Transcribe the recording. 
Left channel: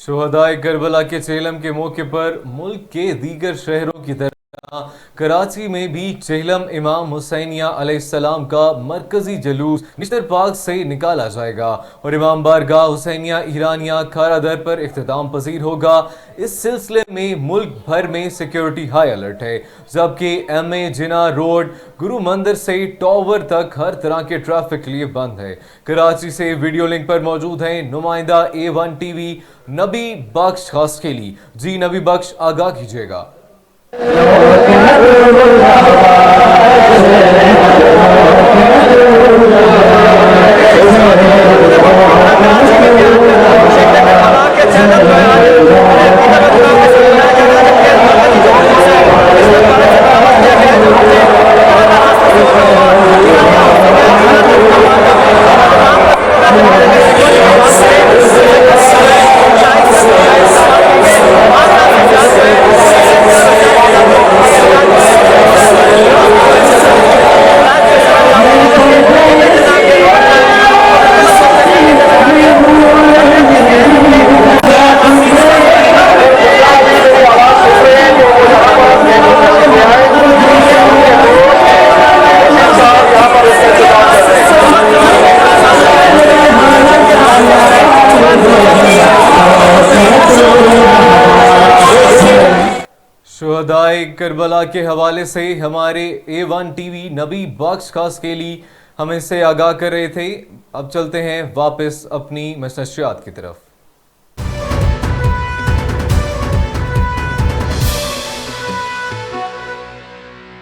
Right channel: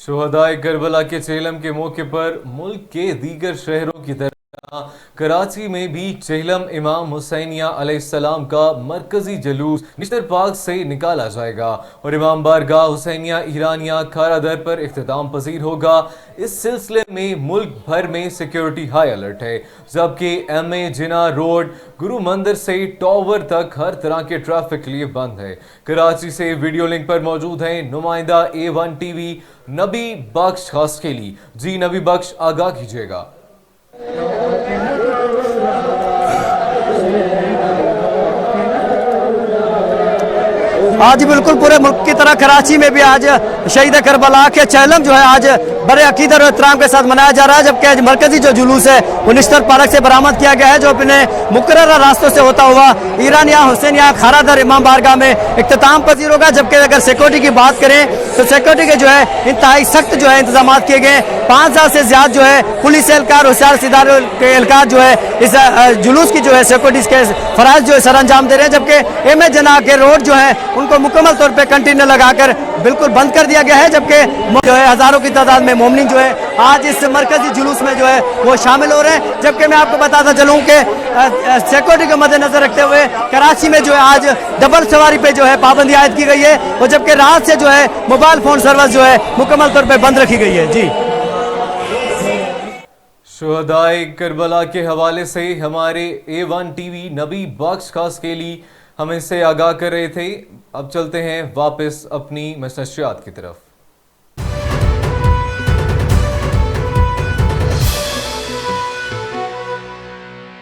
शुहदाए Karbala के चेहलम के मौके पर मुल्क के दीगर शहरों की तरह कराची में भी चेहलम इमाम हुसैनिया अलैहिस्सलाम का मरकजी जुलूस निश्तर पार्क से निकाला जाएगा और इमाम बारगाह हुसैनिया ईरानिया खारादर पर इख्तिताम पजीर होगा। इस सिलसिले में मुल्क भर में सिक्योरिटी हाई अलर्ट है, जबकि MA जिना रोड गुरु मंदिर से टॉवर तक हर तरह के ट्रैफिक के लिए बंद है। कराची से वीडियो लिंक पर मौजूद है नुमाइंदा A1 TV नबी बख्श खासकेली। जी नबी बख्श, आगाह कीजिएगा। आज बिल्कुल पूरे मुल्क की तरह कराची में भी आज शहीद करबला के चेहलम जो है आज बड़े अकीदत और एहतराम के साथ मनाया जा रहा है, जबकि मरकजी जो जुलूस है वो निश्तर पार्क से बरामद किया गया है, जो अपने मुख्तलिफ रास्तों से होता हुआ ईरानिया हुसैनिया खारादर इमाम बारगाह में इख्तिताम पजीर होगा। जबकि अगर सिक्योरिटी की बात करें तो सिक्योरिटी के जो है इंतहाई सख्त जो है इंतजाम किए गए। 5,000 से ज्यादा जो है पुलिस एहलकार होशियार सिदार के एहलकार जो है इस जुलूस की जो है सिक्योरिटी के फराज जो है सर अंजाम दे रहे हैं, जबकि MA जनाब के रोड जो है उनको मुकम्मल तौर पर कंटेनर लगाकर बिल्कुल बंद कर दिया गया है। जबकि हजारों की तादाद में मोमिन जो है आज इस मरकजी जुलूस में वो शामिल हो रहे हैं। जबकि मैं आपको बताना चाहूँ कि सिक्योरिटी को मद्देनजर रखते हुए कराची में जो आज डबल सवारी पे जो है पाबंदी आयद की गई है, जबकि रात से जो है मोबाइल फोन सर्विस जो है मुकम्मल तौर पर बंद रखी गई है। शुहदाए करबला के हवाले से हमारे A1 TV नबी बख्श खासकेली हमें से आगाह कर रहे थे। अब चलते हैं वापस अपनी नशरियात की तरफ।